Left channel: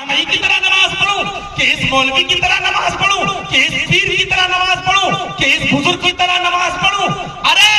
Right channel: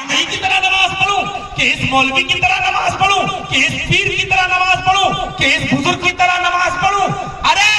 جامعی کی طرح نماز پڑھوں کہ اس مولوی کی طرح نماز پڑھوں کہ اس پیر کی طرح نماز پڑھوں کہ اس بزرگ کی طرح نماز پڑھوں؟ ارے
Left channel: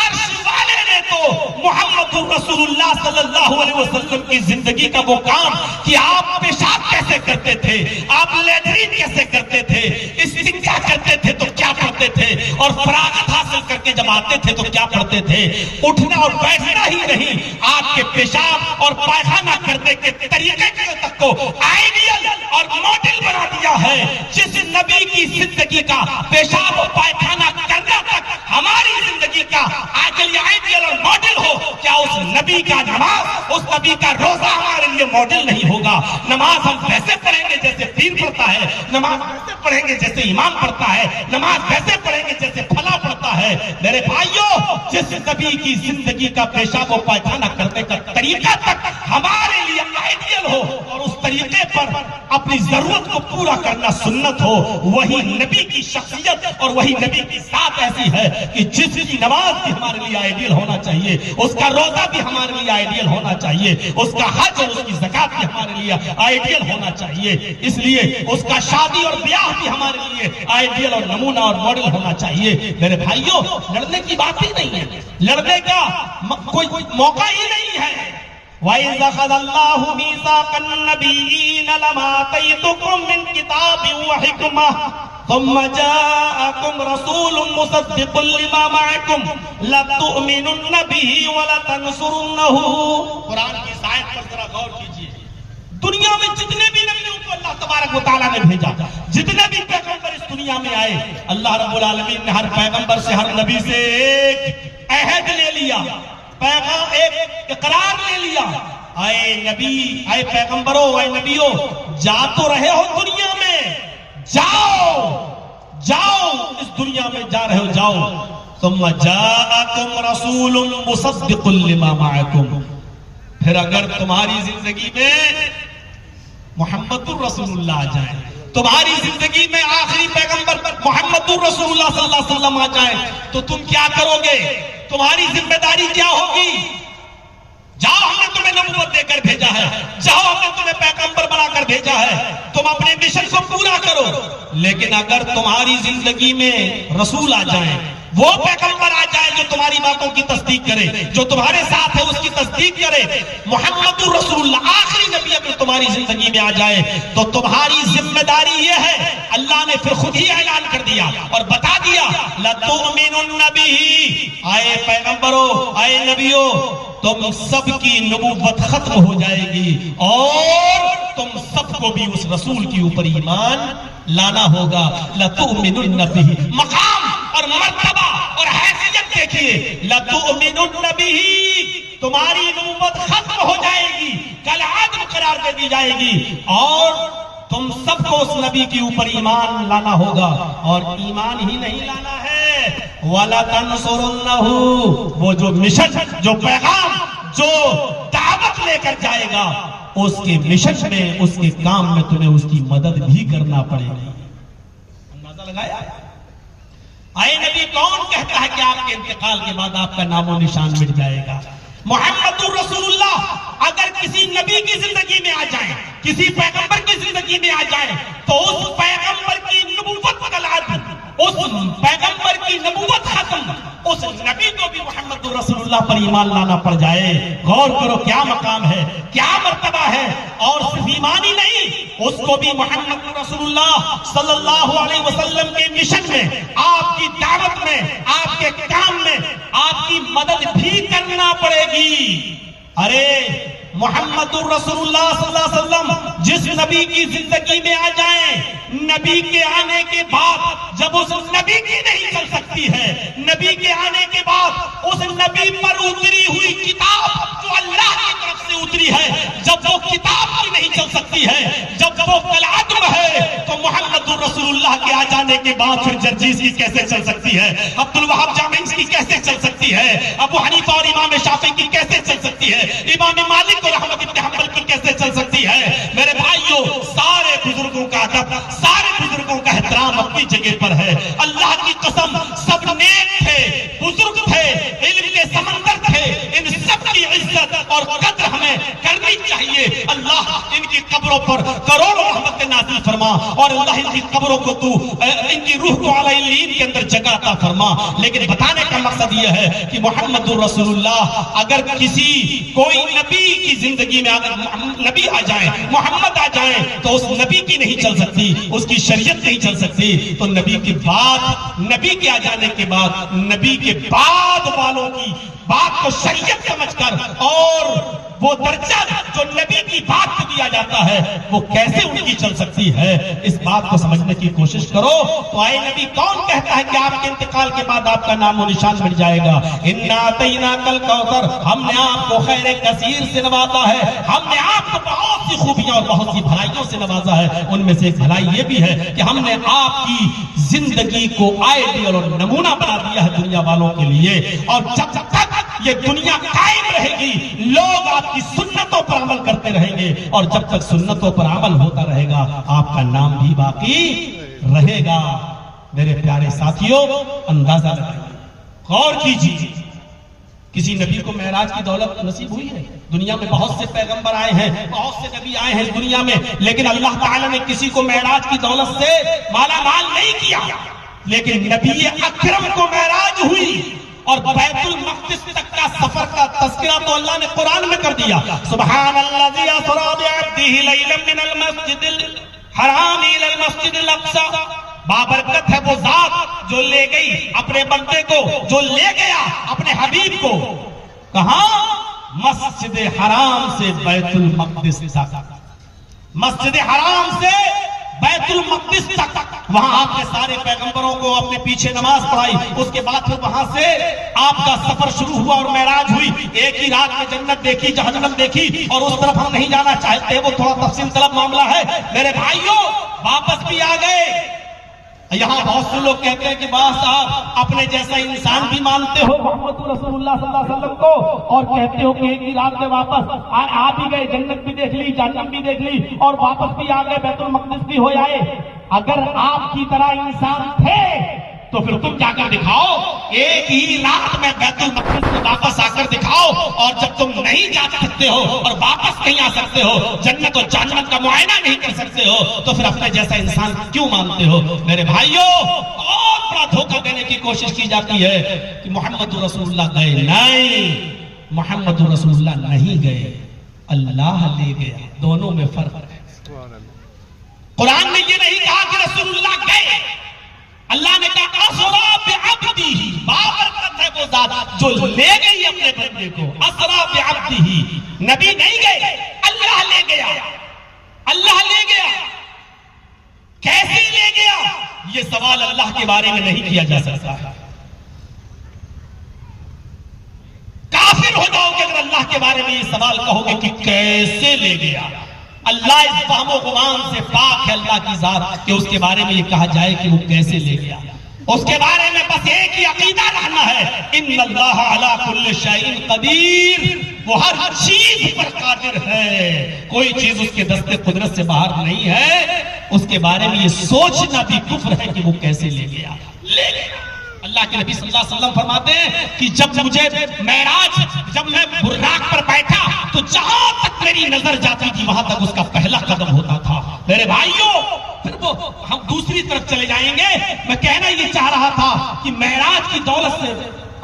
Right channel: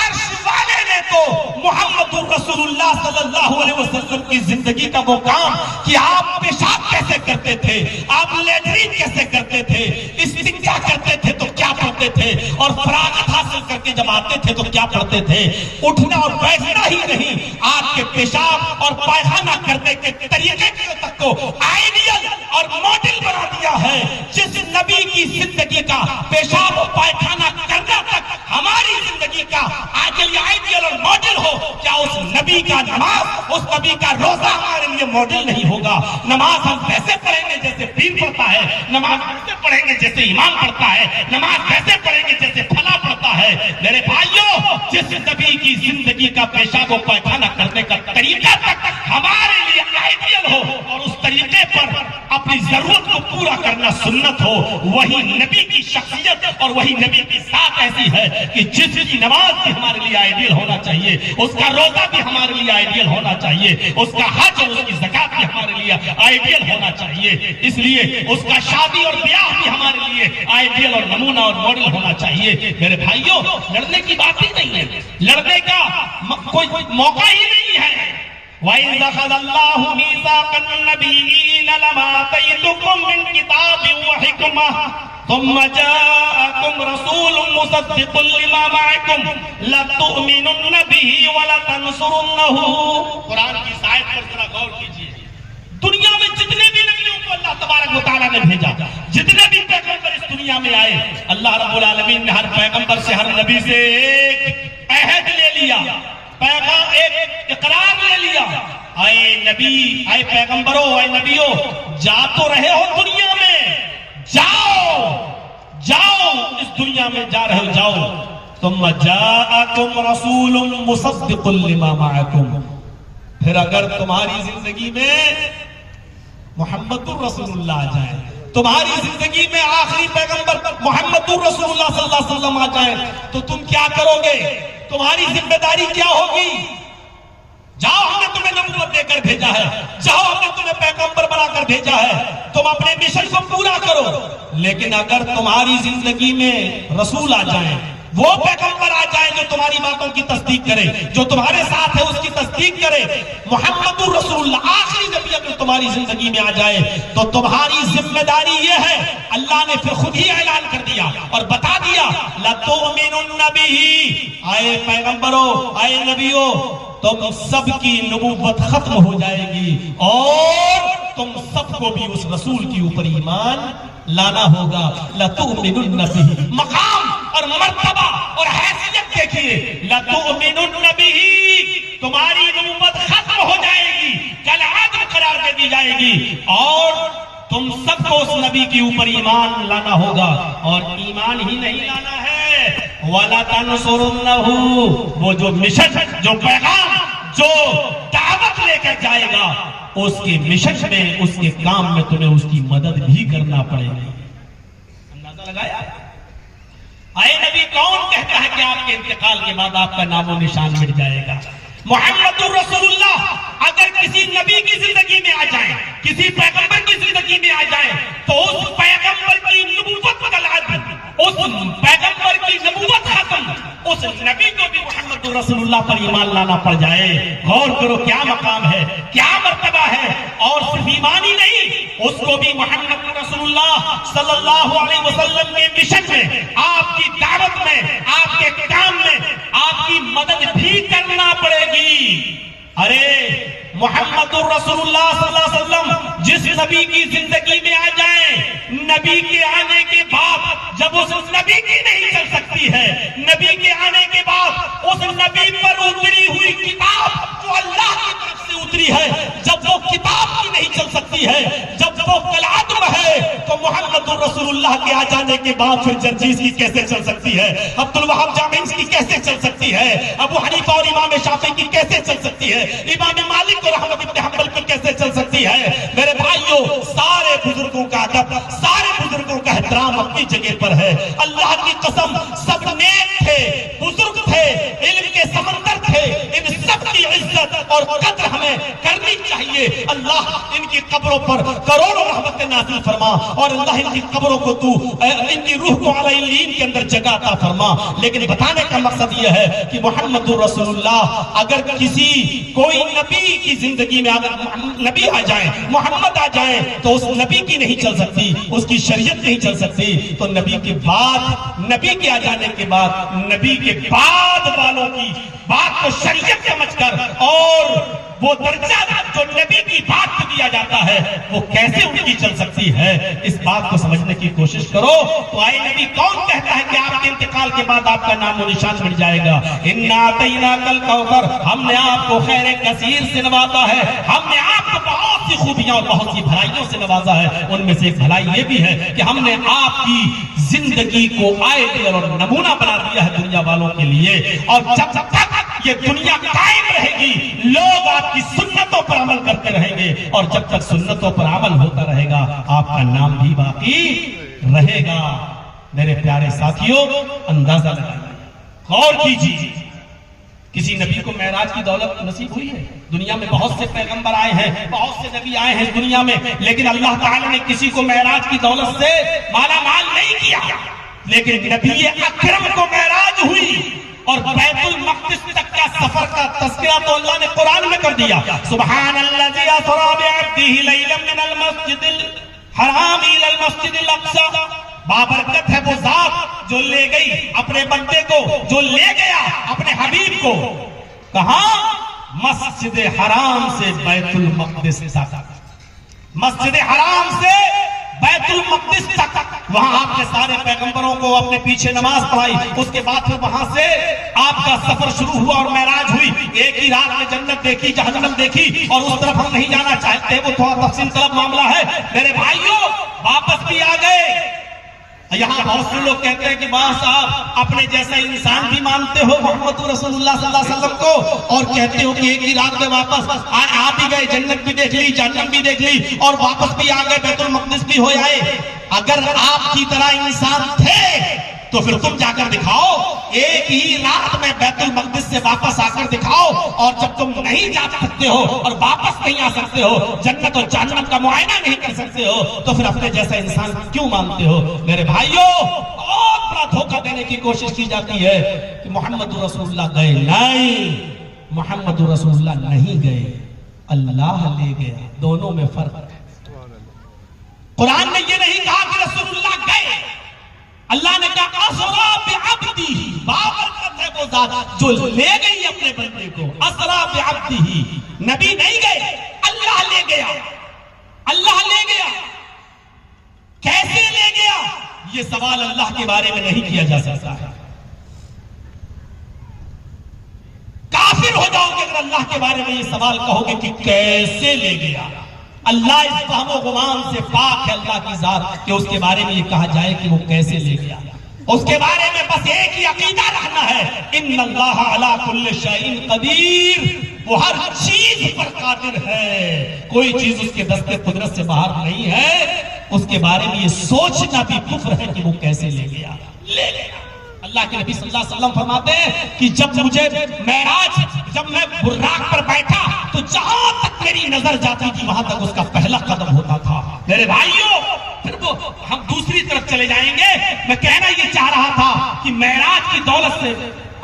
عرش والے نے تو محمد رسول اللہ صلی اللہ علیہ وسلم کی زندگی کا وہ کام کہ آپ پیشاب کیسے کرتے تھے، آپ لیٹرین کیسے کرتے تھے، استنجا کرتے تھے تو کیا کرتے تھے، اور فراغت حاصل کر کے جب آتے تھے تو کیا پڑھتے تھے، اٹھنا اور بیٹھنا ہی نہیں، آپ کے پیشاب اور پائخانہ کرنے کے طریقے تک کو آئیڈیل اور ماڈل بنا دیا ہے۔ جس نبی کی زندگی کا پیشاب اور پائخانہ کرنے تک ہماری زندگی کا آئیڈیل اور ماڈل ہو، کیا اس نبی کا نماز، اس نبی کا روزہ ہمارے لیے ماڈل نہیں ہوگا؟ نماز ہم ویسے پڑھیں گے جیسے پیر پڑھتا ہے، نماز ویسے پڑھیں گے جیسے امام پڑھتا ہے، نماز ویسے پڑھیں گے جیسے فلاں پڑھتا ہے۔ میرے بھائیوں، جس نبی کی زندگی کا پیشاب و پائخانہ کرنے کا طریقہ تک ہمارے لیے آئیڈیل ہو اور اس طریقے پر اپنی ضرورت کو پورا کرنا سنت ہو، وہی نبی کی شخصیت اور وہی نبی کی ذات ایسی ہے کہ جس کی نماز بھی ہمارے لیے آئیڈیل ہونا چاہیے، اس کا روزہ بھی ہمارے لیے آئیڈیل ہونا چاہیے، اس کا حج اور اس کی زکات بھی ہمارے لیے آئیڈیل ہونا چاہیے، اس لیے اس کا شادی اور بیاہ بھی ہمارے لیے آئیڈیل اور نمونہ اور ماڈل ہونا چاہیے۔ میرے بھائیوں، لڑنے کی بات ہی نہیں ہے، لڑنے کا کوئی موقع ہی نہیں ہے۔ وَإِذْ أَخَذَ اللَّهُ مِيثَاقَ النَّبِيِّينَ لَمَا آتَيْتُكُم مِّن كِتَابٍ وَحِكْمَةٍ ثُمَّ جَاءَكُمْ رَسُولٌ مُّصَدِّقٌ لِّمَا مَعَكُمْ لَتُؤْمِنُنَّ بِهِ وَلَتَنصُرُنَّهُ۔ قرآن کی اس آیت پر ذرا غور کیجیے۔ دنیا میں جتنے بھی نبیوں کو اللہ تبارک و تعالیٰ نے بھیجا، جتنے بھی پیغمبر اس دنیا میں آئے، اللہ رب العالمین نے ہر پیغمبر سے، ہر نبی سے ایک عہد لے لیا، پیغام ایک اقرار لے لیا۔ اے نبی، اے پیغمبروں، اے نبیوں، جا تو رہے ہو دنیا میں، جاؤ جاؤ، اس دنیا میں جا رہے ہو، جاؤ۔ ثم جاءکم رسول مصدق لما معکم، پھر اگر تمہاری زندگی میں محمد الرسول اللہ آ جائے، تمہاری زندگی میں آخری پیغمبر محمد الرسول اللہ صلی اللہ علیہ وسلم آ جائے، تو تم کیا کرو گے؟ تمہاری ذمہ داری کیا ہوگی؟ جاؤ، ہم نے تمہیں نبوت دے کر بھیجا ہے، جاؤ، ہم نے تمہیں پیغمبر بنا کر بھیجا ہے، تم اپنے مشن کو پورا کرو۔ لیکن اگر تمہاری زندگی میں رسول آ جائیں، وہ پیغمبر آ جائیں جو تمہاری باتوں کی تصدیق کرے، جو تمہارے ساتھ ہے اس کی تصدیق کرے، محمد الرسول اللہ آخری نبی اگر تمہاری زندگی میں آ جائے، تو تمہاری ذمہ داری یہ ہے، اللہ نے پھر خود ہی اعلان کر دیا اور بتا دیا، لَتُؤْمِنُنَّ بِهِ، آئے پیغمبروں، آئے نبیوں، تم سب کی نبوت ختم ہو جائے گی اور تم سب کو بھی اس رسول کے اوپر ایمان لانا ہوگا۔ لَتُؤْمِنُنَّ بِهِ، مقام اور مرتبہ اور حیثیت دیکھیے، لَتُؤْمِنُنَّ بِهِ، تمہاری نبوت ختم ہو جائے گی، کالعدم قرار دے دی جائے گی، اور تم سب کو اس نبی کے اوپر ایمان لانا ہوگا، اور ایمان ہی نہیں لانا ہے، وَلَتَنصُرُنَّهُ، وہ جو مشن، جو پیغام، جو دعوت لے کر جائے گا، اس کے مشن میں، اس کے کام میں تمہیں اس کی مدد بھی کرنا پڑے گی۔ اندازہ لگایا؟ اے نبی کون کہتا ہے کہ آپ کے انتقال کے بعد آپ کا نام و نشان مٹ جائے گا؟ محمد الرسول اللہ اگر کسی نبی کی زندگی میں آ جائے، کسی پیغمبر کی زندگی میں آ جائے، تو اس پیغمبر کی نبوت کالعدم، اس پیغمبر کی نبوت ختم، اس نبی کو بھی محمد رسول اللہ پر ایمان لانا پڑ جائے۔ غور کرو کیا مقام ہے، کیا مرتبہ ہے، اور صرف ایمان ہی نہیں، اس کو بھی محمد رسول اللہ صلی اللہ علیہ وسلم کے مشن میں، آپ کی دعوت میں، آپ کے کام میں آپ کی مدد بھی کرنا پڑے گی۔ ارے محمد الرسول اللہ صلی اللہ علیہ وسلم جس نبی کی زندگی میں آ جائیں، نبی کے آنے کے بعد جب اس نبی کی نہیں چل سکتی ہے، نبی کے آنے کے بعد اس نبی پر اتری ہوئی کتاب جو اللہ کی طرف سے اتری ہے، جب وہ کتاب کی نہیں چل سکتی ہے، جب وہ کالعدم ہے، تو محمد الرسول اللہ کے آ جانے کے بعد پھر جرجیس کی کیسے چل سکتی ہے، عبد الوہاب جامعی کی کیسے چل سکتی ہے، ابو حنیفہ اور امام شافعی کی کیسے چل سکتی ہے، امام مالک اور احمد بن حنبل کی کیسے چل سکتی ہے؟ میرے بھائیوں، سارے بزرگوں کا ادب، سارے بزرگوں کا احترام اپنی جگہ پر ہے۔ اللہ کی قسم سب نیک تھے، بزرگ تھے، علم کے سمندر تھے، ان سب کی عزت اور قدر ہمیں کرنی چاہیے۔ اللہ ان کی قبروں پر کروڑوں رحمتیں نازل فرما، اور اللہ ان کی قبروں کو تو ان کی روح کو اعلی علین کے اندر جگہ عطا فرما۔ لیکن بتانے کا مقصد یہ ہے کہ محمد رسول اللہ، اگر کسی کوئی نبی کی زندگی میں اگر نبی آ جائیں، محمد آ جائیں، تو اس نبی کی نہیں چل سکتی، اس کی شریعت نہیں چل سکتی۔ تو نبی کے بعد، نبی کے آ جانے کے بعد، نبی کے بعد والوں کی بات کو شریعت سمجھ کر، اور وہ درجہ جو نبی کی بات کو دیا جاتا ہے وہ کیسے ان کی چل سکتی ہے، اس بات کو سمجھنے کی کوشش کرو۔ تو آئے نبی کون کہتا ہے کہ آپ کے انتقال کے بعد آپ کا نام و نشان مٹ جائے گا؟ اِنَّا أَعْطَيْنَاكَ الْكَوْثَرَ، ہم نے آپ کو خیر کثیر سے نوازا ہے، ہم نے آپ کو بہت سی خوبیاں اور بہت سی بھلائیوں سے نوازا ہے۔ ان میں سے ایک بھلائی یہ بھی ہے کہ ہم نے آپ کی زندگی کو آئیڈیل اور نمونہ بنا دیا ہے دنیا والوں کے لیے، اور جب تک یہ دنیا قائم رہے گی لوگ آپ کی سنتوں پر عمل کرتے رہیں گے، اور جب تک سنتوں پر عمل ہوتا رہے گا آپ کا نام بھی باقی رہے گا۔ میرے پیارے ساتھیوں، اندازہ لگائیے، غور کیجیے، کسی نبی کو معراج کی دولت نصیب ہوئی ہے؟ دنیا میں بہت سے پیغمبر آئے ہیں، بہت سے نبی آئے ہیں دنیا میں، لیکن اللہ تعالیٰ نے کسی کو معراج کی دولت سے مالا مال نہیں کیا۔ لیکن نبی اکرم کو معراج ہوئی، اور بیت المقدس تک کا سفر کا تذکرہ تو اللہ نے قرآن میں کر دیا۔ سبحان الذی اسری بعبدہ لیلا من المسجد الحرام الی المسجد الاقصی، بابرکت ہے وہ ذات جو لے گئی اپنے بندے کو، جو لے گیا اپنے حبیب کو، کہاں؟ مسجد حرام سے بیت المقدس تک، مسجد حرام سے بیت المقدس تک۔ وہاں آپ نے سارے پیغمبروں کو اپنے پیچھے نماز پڑھائی، اس کے بعد پھر وہاں سے آپ کا سفر شروع ہوا اور معراج ہوئی۔ ایک ہی رات میں جنت دیکھی، جہنم دیکھی، اور اس طرف ہم نہیں جانا چاہتے، وہ تھوڑا تفصیل طلب معاملہ ہے۔ میرے بھائیوں، واپس بھی آ گئے۔ یہاں بہت سے لوگ کہتے ہیں کہ واہ صاحب اپنے جیسا انسان بھی مانتے ہو محمد رسول اللہ صلی اللہ علیہ وسلم کو، اور کہتے ہو کہ ایک ہی رات میں واپس آ بھی گئے، جنت بھی دیکھ لی، جہنم بھی دیکھ لی، اور واپس بھی آ گئے، بیت المقدس بھی ہو آئے۔ اگر آپ کی طرح انسان تھے تو پھر تم جا کر دکھاؤ، ایک ہی رات میں بیت المقدس سے واپس آ کر دکھاؤ۔ اور جب تم نہیں جا سکتے ہو اور واپس نہیں آ سکتے ہو، جنت اور جہنم کا معائنہ نہیں کر سکتے ہو، تو پھر اپنے جیسا انسان کیوں مانتے ہو؟ میرے بھائیوں، بہت بڑا دھوکہ دینے کی کوشش کی جاتی ہے کہ محمد رسول اللہ گئے، نہیں، محمد رسول اللہ نہیں گئے، اللہ لے گیا۔ دونوں میں فرق ہے۔ قرآن نے یہ نہیں کہا کہ رسول اللہ گئے، اللہ نے کہا اسرا بعبدہ، بابرکت ہے وہ ذات جو لے گئی اپنے بندے کو، اسرا بعبدہ۔ نبی نہیں گئے، اللہ لے گیا، اللہ لے گیا۔ کیسے لے گیا؟ یہ سوال اللہ کے بارے میں نہیں کیا جا سکتا ہے۔ کافر ہو جاؤ گے اگر اللہ کے بارے میں یہ سوال کہو گے کہ کیسے لے گیا۔ اللہ اس فہم و گمان سے پاک ہے، اللہ کی ذات، کہ اس کے بارے میں یہ کہا جائے کہ وہ کیسے لے گیا۔ اس کے بارے میں بس ایک ہی عقیدہ رہنا ہے، ان اللہ علی کل شیء قدیر، وہ ہر چیز پر قادر ہے، کوئی چیز اس کے دست قدرت سے باہر نہیں ہے۔ اس کے بارے میں یہ سوچنا بھی کفر ہے کہ وہ کیسے لے گیا۔ لے گیا۔ اللہ کے نبی صلی اللہ علیہ وسلم فرماتے ہیں کہ جب مجھے معراج، جب میں براق پر بیٹھا تو جہاں تک میری نظر جاتی تھی وہاں تک اس کا پہلا قدم ہوتا تھا۔ میرے بھائیوں، پھر وہ ہم دوسری طرف چلے جائیں گے۔ میں کہنا یہ چاہ رہا تھا کہ معراج کی دولت سے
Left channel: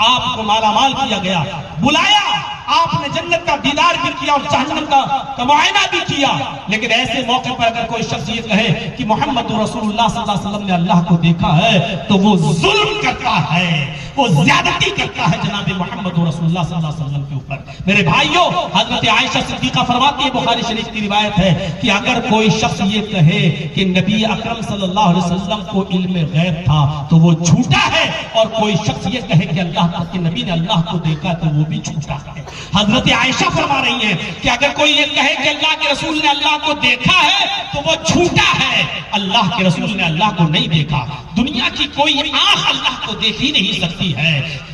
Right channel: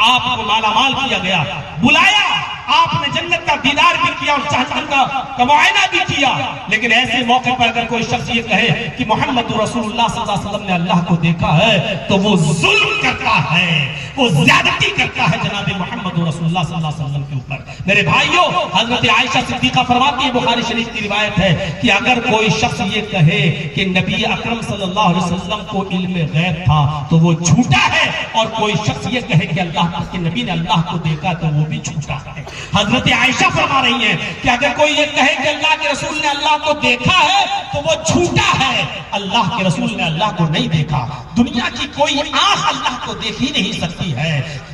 آپ کو مالا مال کیا گیا، بلایا، آپ نے جنت کا دیدار بھی کیا اور جہنم کا معائنہ بھی کیا، لیکن ایسے موقع پر اگر کوئی شخص یہ کہے کہ محمد رسول اللہ صلی اللہ علیہ وسلم نے اللہ کو دیکھا ہے تو وہ ظلم کرتا ہے، وہ زیادتی کرتا ہے جناب محمد رسول اللہ صلی اللہ علیہ وسلم کے اوپر۔ میرے بھائیوں، حضرت عائشہ صدیقہ فرماتی ہے، بخاری شریف کی روایت ہے کہ اگر کوئی شخص یہ کہے کہ نبی اکرم صلی اللہ علیہ وسلم کو علم غیب تھا تو وہ جھوٹا ہے، اور کوئی شخص یہ کہے کہ اللہ کے نبی نے اللہ کو دیکھا تو وہ بھی جھوٹا ہے۔ حضرت عائشہ فرما رہی ہیں کہ اگر کوئی یہ کہے کہ اللہ کے رسول نے اللہ کو دیکھا ہے تو وہ جھوٹا ہے، اللہ کے رسول نے اللہ کو نہیں دیکھا۔ دنیا کی کوئی آنکھ اللہ کو دیکھ ہی نہیں سکتی ہے،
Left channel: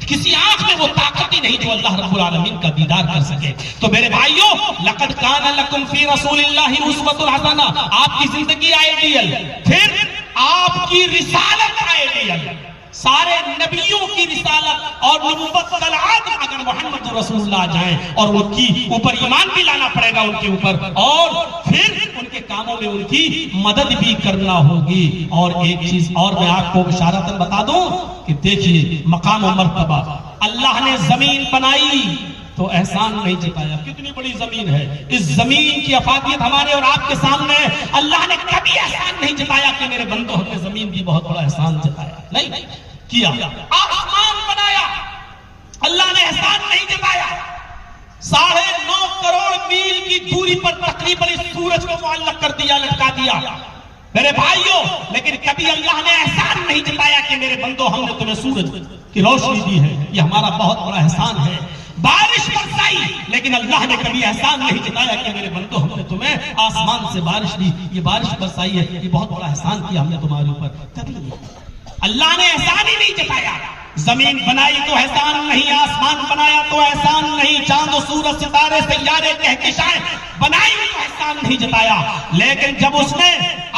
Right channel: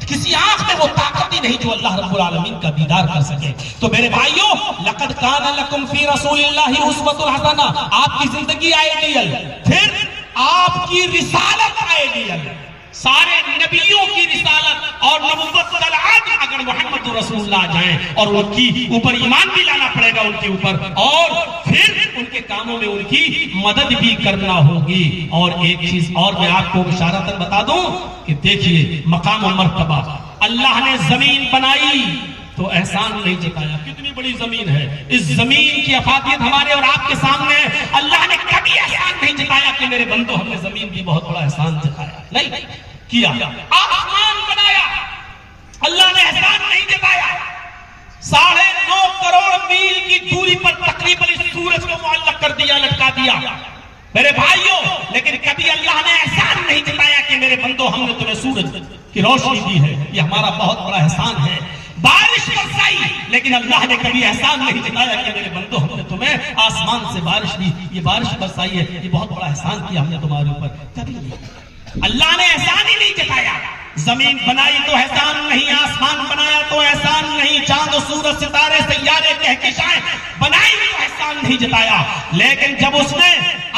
کسی آنکھ میں وہ طاقت ہی نہیں جو اللہ رب العالمین کا دیدار کر سکے۔ تو میرے بھائیوں، لقد کان لکم فی رسول اللہ اسوۃ حسنہ، آپ کی زندگی آئیڈیل، پھر آپ کی رسالت آئیڈیل، سارے نبیوں کی رسالت اور نبوت طلعات اگر محمد رسول اللہ جائیں اور ان کی اوپر ایمان بھی لانا پڑے گا ان کے اوپر، اور پھر ان کے کاموں میں ان کی مدد بھی کرنا ہوگی۔ اور ایک چیز اور میں آپ کو بشارتاً بتا دوں کہ دیکھیے مقام و مرتبہ، اللہ نے زمین بنائی تو احسان نہیں جتایا۔ کتنی بڑی زمین ہے، اس زمین کی افادیت ہمارے اور آپ کے سامنے ہے۔ اللہ نے کبھی احسان نہیں جتایا کہ میرے بندو ہم نے زمین بھی بہت بڑا احسان جتایا، نہیں کیا۔ آسمان بنایا، اللہ نے احسان نہیں جتایا۔ 9.5 کروڑ میل کی دوری پر تقریباً اس سورج کو معلق کر دیا، لٹکا دیا میرے بھائیوں، لیکن کبھی اللہ نے احسان نہیں جتایا کہ میرے بندو ہم نے تمہیں سورج کی روشنی دی ہے، یہ ہمارا بہت بڑا احسان ہے۔ بارش برسائی، لیکن اللہ نے کبھی احسان نہیں جتایا کہ میرے بندو ہم نے تمہیں آسمان سے بارش دی، یہ بارش برسائی ہے، یہ بہت بڑا احسان کیا ہم نے تمہارے اوپر، کبھی نہیں۔ اللہ نے احسان ہی نہیں جتایا۔ زمین بنائی تو احسان نہیں، آسمان بنایا تو احسان نہیں، چاند و سورج ستارے سیارے کہکشائیں بنائی تو احسان نہیں جتایا۔ لیکن جب اس نے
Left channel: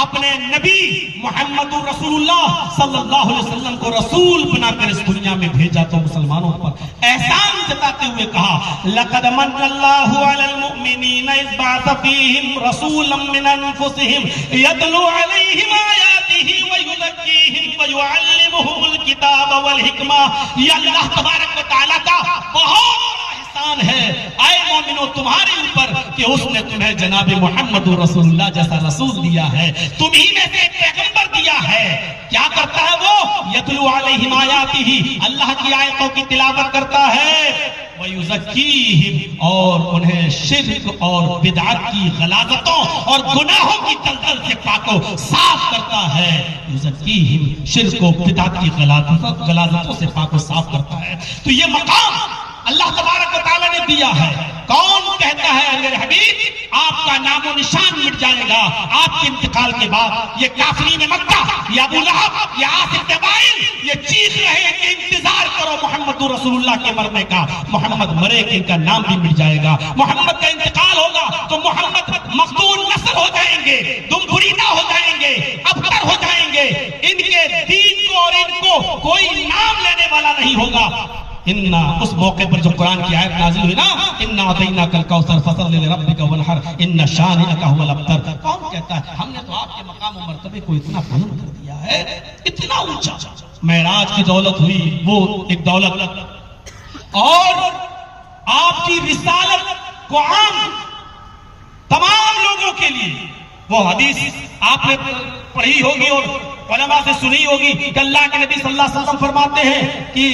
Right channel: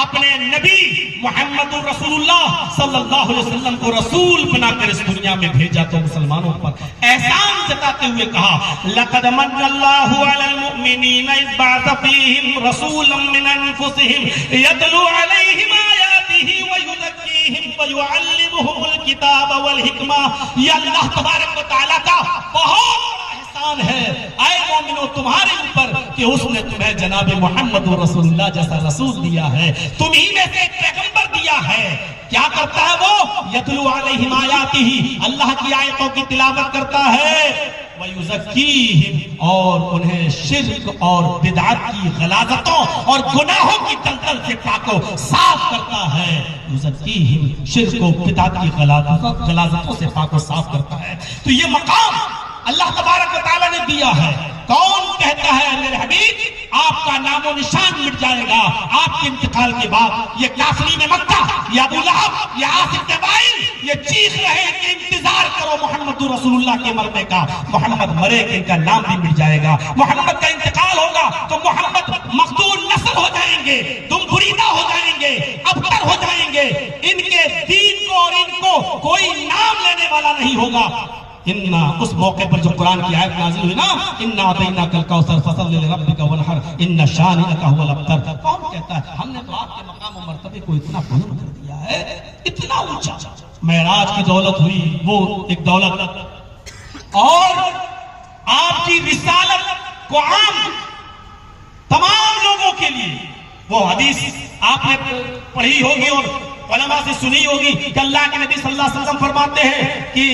اپنے نبی محمد رسول اللہ صلی اللہ علیہ وسلم کو رسول بنا کر اس دنیا میں بھیجا تو مسلمانوں پر احسان جتاتے ہوئے کہا لقد من اللہ علی المؤمنین اذ بعث فیہم رسولا من انفسہم یتلو علیہم آیاتہ ویزکیہم ویعلمہم الکتاب والحکمہ۔ یہ اللہ تبارک و تعالیٰ کا بہت بڑا احسان ہے اے مومنو تمہارے اوپر کہ اس نے تمہیں جناب محمد رسول اللہ جیسا رسول دیا ہے، تمہیں میں سے ایک پیغمبر دیا ہے۔ کیا کرتا ہے وہ؟ یتلو علیہم آیاتہ، اللہ کی آیتوں کی تلاوت کرتا ہے، ویزکیہم، اور انہیں شرک اور بدعت کی غلاظتوں اور گناہوں کی دلدل سے پاک و صاف کرتا ہے۔ یزکیہم، شرک و بدعت کی غلاظتوں سے پاک و صاف کرتا ہے۔ تو یہ مقام اللہ تبارک و تعالیٰ نے دیا ہے۔ کون کہتا ہے میرے حبیب آپ کا نام و نشان مٹ جائے گا آپ کے انتقال کے بعد؟ یہ کافرین مکہ، یہ ابو لہب، یہ عاص بن وائل، یہ چیخ رہے ہیں کہ انتظار کرو محمد رسول اللہ کے مرنے کا۔ محمد مرے کہ ان کا نام بھی مٹ جائے گا، محمد کا انتقال ہوگا تو محمد مقتول نسل ہو جائیں گے، دم بریدہ ہو جائیں گے، ابتر ہو جائیں گے، ان کے دین کو اور ان کو کوئی نام لینے والا نہیں ہوگا۔ اس موقع پر جو قرآن کی آیت نازل ہوئی نا، اِنَّا أَعْطَيْنَاكَ الْكَوْثَرَ فَصَلِّ لِرَبِّكَ وَانْحَرْ إِنَّ شَانِئَكَ هُوَ الْأَبْتَرُ۔ کون کہتا ہے ہم نے تو آپ کے مقام و مرتبے کو اتنا بلند کر دیا ہے، اتنا اونچا۔ معراج کی دولت ہوئی، وہ ایک دولت، اور آپ کی رسالت کو عام تمام لوگوں کے لیے، وہ حدیث آپ نے پڑھی ہوگی اور علماء سے سنی ہوگی کہ اللہ کے نبی صلی اللہ علیہ وسلم فرماتے ہیں کہ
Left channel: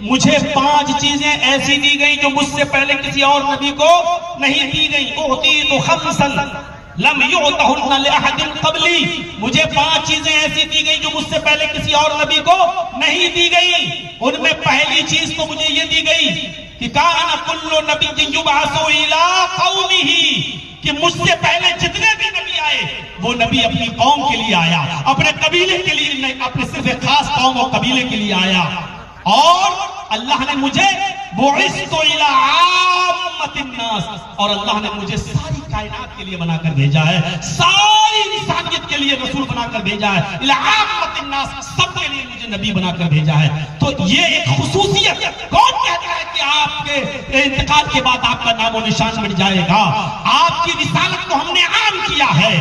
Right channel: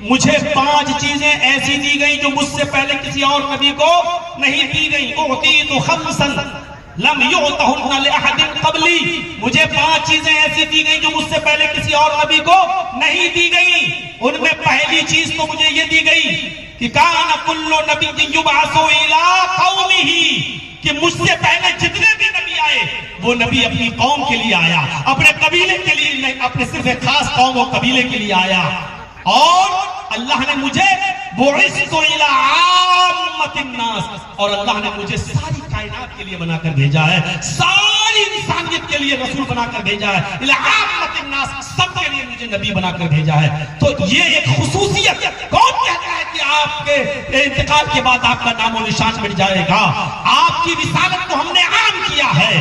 مجھے 5 چیزیں ایسی دی گئی جو مجھ سے پہلے کسی اور نبی کو نہیں دی گئی۔ اعطیت خمسا لم یعطہن لأحد قبلی، مجھے 5 چیزیں ایسی دی گئی جو مجھ سے پہلے کسی اور نبی کو نہیں دی گئی۔ ان میں پہلی چیز تو مجھے یہ دی گئی کہ کان کل نبی یبعث الی قومہ، کہ مجھ سے پہلے جتنے بھی نبی آئے وہ نبی اپنی قوم کے لیے آیا، اپنے قبیلے کے لیے نہیں، اپنے صرف ایک خاص قوم و قبیلے کے لیے آیا۔ اور اللہ نے مجھے بعثت الی عامۃ الناس، اور اللہ نے مجھے ساری کائنات کے لیے بنا کر بھیجا ہے، ساری انسانیت کے لیے رسول بنا کر بھیجا ہے، الی عامۃ الناس، سب کے لیے مجھے نبی بنا کر بھیجا ہے۔ تو یہ ایک خصوصیت، کون کہتا ہے کہ آپ کے انتقال کے بعد آپ کا نام و نشان مٹ جائے گا؟ آپ کی رسالت کو ہم نے عام کیا ہے۔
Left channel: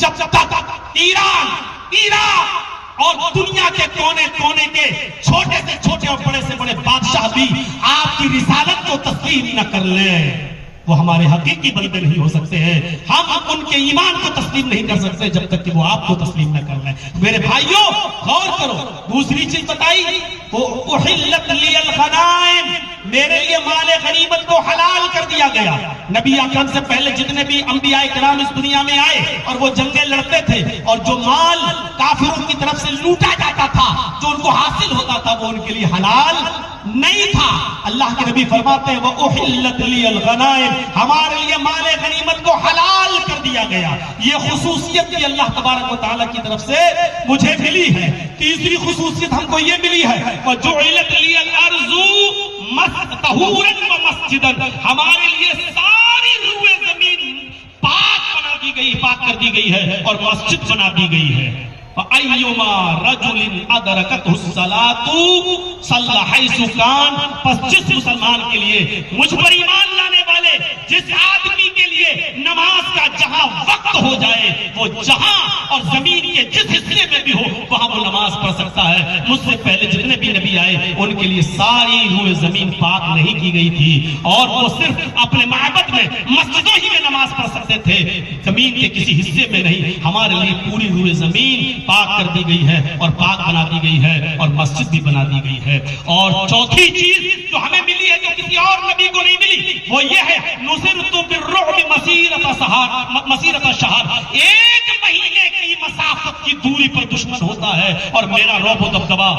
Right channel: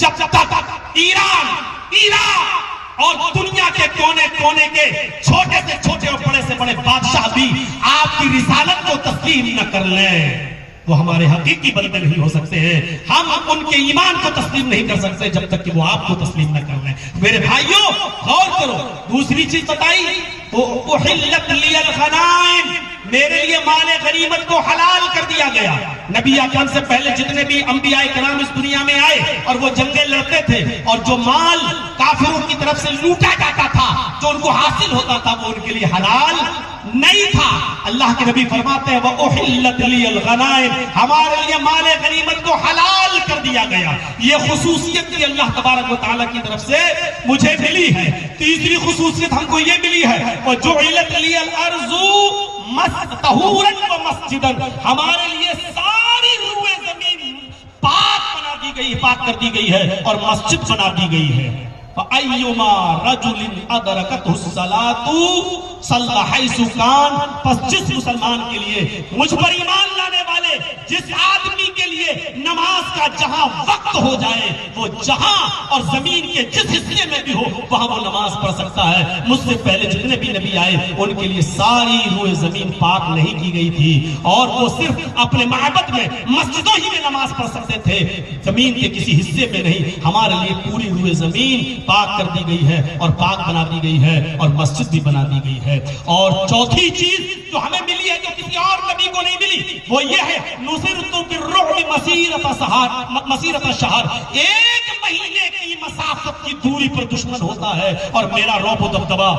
جب تک ایران، عراق اور دنیا کے کونے کونے کے چھوٹے سے چھوٹے اور بڑے سے بڑے بادشاہ بھی آپ کی رسالت کو تسلیم نہ کر لیں، وہ ہمارے حقیقی بندے نہیں ہو سکتے ہیں۔ ہم ان کے ایمان کو تسلیم نہیں کر سکتے جب تک کہ وہ آپ کو تسلیم نہ کر لیں۔ میرے بھائیوں غور کرو، دوسری چیز بتائی، احلت لی الغنائم، میرے لیے مال غنیمت کو حلال کر دیا گیا۔ نبی اکرم سے پہلے جتنے بھی انبیاء کرام اس دنیا میں آئے اور وہ جنگیں لڑتے تھے، اور جو مال کافروں کی طرف سے لوٹا جاتا تھا، جو ان کو حاصل ہوتا تھا، وہ ان کے لیے حلال نہیں تھا۔ اللہ کے نبی فرماتے ہیں وَأُحِلَّتْ لِيَ الْغَنَائِمُ، ہمارے لیے مال غنیمت کو حلال کر دیا گیا۔ یہ خصوصیت بھی اللہ تبارک و تعالیٰ کی طرف سے مجھے ملی ہے۔ تیسری خصوصیت ہم کو یہ ملی ہے وَجُعِلَتْ لِيَ الْأَرْضُ طَهُورًا وَمَسْجِدًا، ہمارے لیے ساری روئے زمین پاک بنا دی گئی، پاک کر دی گئی ہے اور مسجد بنا دی گئی ہے۔ فَأَيُّمَا رَجُلٍ أَدْرَكَتْهُ الصَّلَاةُ صَلَّى حَيْثُ كَانَ، پس جس مسلمان کے لیے، مجھ پر ایمان لانے والے جس آدمی کے لیے نماز کا جہاں وقت ہو جائے، وہ جہاں اور زمین کے جس حصے میں بھی ہو وہاں وہ نماز پڑھ سکتا ہے۔ مجھ سے پہلے جتنے بھی نبی آئے ان کے لیے ساری روئے زمین پاک نہیں کی گئی تھی، اور وہ صرف اپنے معبد میں مسجدوں ہی میں نماز پڑھ سکتے تھے، زمین کے کسی حصے میں نہیں۔ ہمارے لیے پوری روئے زمین پاک کر دی گئی ہے اور پاک بنا دی گئی ہے، اور مسجد بھی بنا دی گئی ہے۔ اور چوتھی چیز جو ہمیں ملی ہے جو کسی اور نبی کو نہیں ملی، وہ یہ ہے نصرت بالرعب مسیرۃ شہر، ایک مہینے کی مسافت کی دوری پر دشمن ہوتا ہے اور میرا رعب و دبدبہ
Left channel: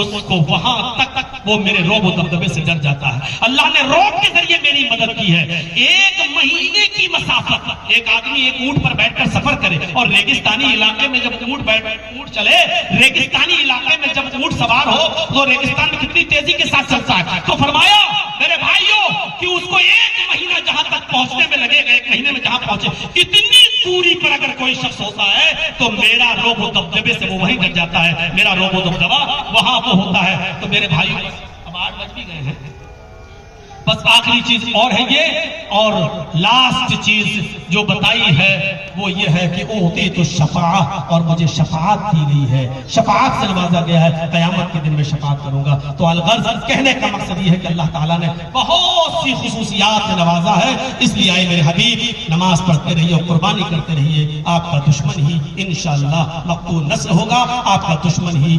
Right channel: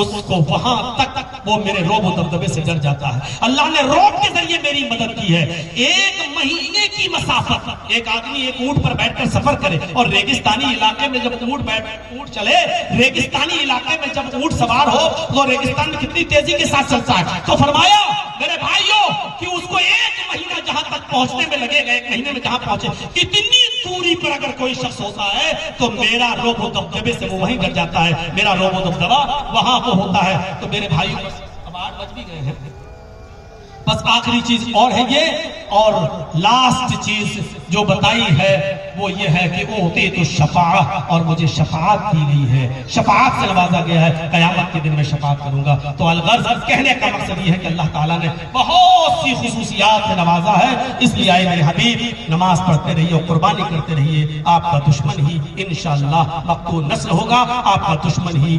اس کو وہاں تک، وہ میرے رعب و دبدبے سے ڈر جاتا ہے۔ اللہ نے رعب کے ذریعے میری مدد کی ہے۔ ایک مہینے کی مسافت، ایک آدمی ایک اونٹ پر بیٹھ کر سفر کرے، اور ریگستانی علاقے میں جب اونٹ چلے، ریگستانی علاقے میں جب اونٹ سوار ہو تو ریگستان میں کتنی تیزی کے ساتھ چلتا ہے، تو فرمایا میرے بھائیوں کہ اس کو ایک مہینہ جہاں تک پہنچنے میں لگے گا، ایک مہینے میں جہاں پہنچے، اتنی دوری پر اگر کوئی شخص ہوتا ہے تو میرا رعب و دبدبے سے وہ وہیں ڈر جاتا ہے، میرا رعب و دبدبہ وہاں وہ ہوتا ہے۔ تو میرے بھائیوں اب 8 بج بھی گئے ہیں، بس آخری چیز اور ہے یہ، اور لاسٹ چیز جو بتائی ہے وہ یہ ہے کہ اعطیت الشفاعہ، اور مجھے شفاعت دی گئی ہے، شفاعت سے نوازا گیا ہے، قیامت کے دن میں شفاعت کروں گا۔ تو الغرض کہنے کا مقصد یہ ہے کہ اللہ تعالیٰ نے بہت سی خصوصیات سے نوازا ہے، اس لیے آئے میرے حبیب نماز پڑھتے رہیے اور قربانی کرتے رہیے، آپ کا دشمن ہی انشاءاللہ مقتول نسل ہوگا، آپ کا دشمن ہی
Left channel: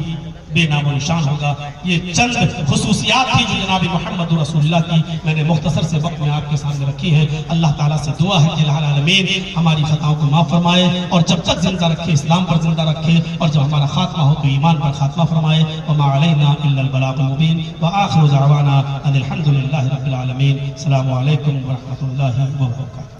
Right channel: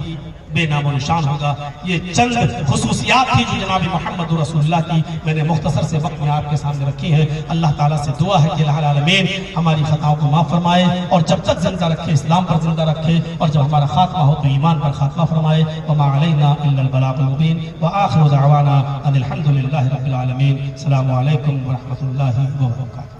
بے نام و نشان ہوگا۔ یہ چند خصوصیات تھی جو جناب محمد رسول اللہ کی میں نے مختصر سے وقت میں آپ کے سامنے رکھی ہے۔ اللہ تعالیٰ سے دعا ہے کہ الہ العالمین ہماری خطاؤں کو معاف فرمائے، اور جب تک زندہ رکھے اسلام پر زندہ رکھے، اور جب ہمارا خاتمہ ہو تو ایمان پر خاتمہ فرمائے۔ وما علینا الا البلاغ المبین، وآخر دعوانا ان الحمد للہ رب العالمین۔ السلام علیکم ورحمۃ اللہ وبرکاتہ۔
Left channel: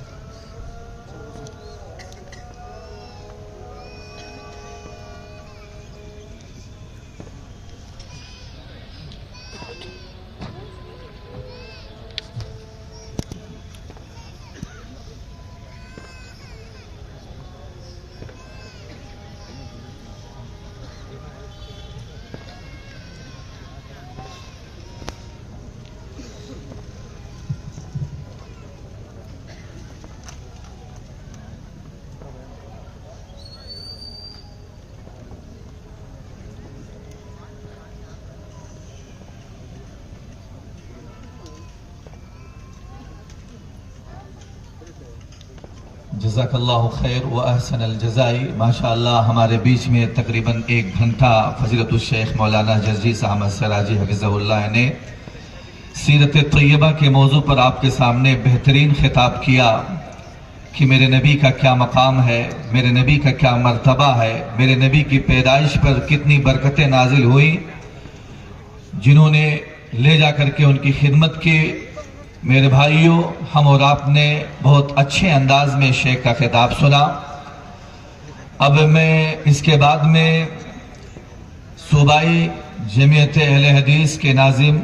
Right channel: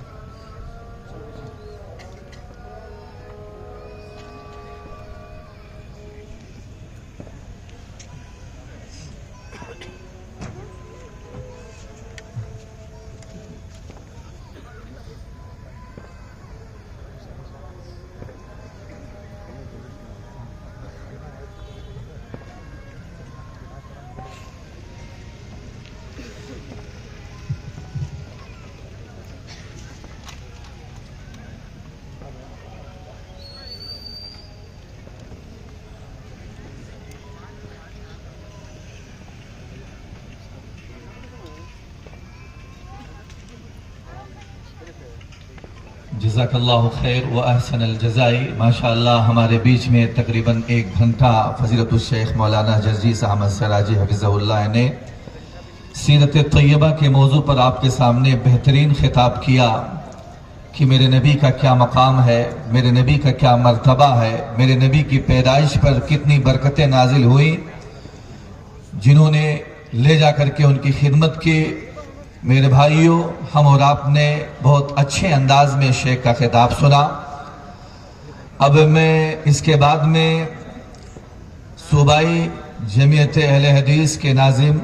جزاک اللہ خیر و احسن الجزائی۔ ماشاءاللہ ہمارے بیچ میں تقریباً 1 گھنٹہ فضیلت الشیخ مولانا جزیس احمد سراجی حفظہ اللہ نے سیرت طیبہ کے موضوع پر آپ کے سامنے بہترین خطاب کیا کہ میرے نبی کا کیا مقام ہے، میرے نبی کا کیا مرتبہ ہے، میرے نبی کی پیدائش پر کتنی برکتیں نازل ہوئی، جنہوں نے لے جا کر کے ان کی خدمت کی۔ میرے بھائیوں، ہم اور آپ نے بہت اچھے انداز میں شیخ کا خطاب سنا۔ اب میں اس کے بعد میں صوبائی جمعیت اہل حدیث کے ناظم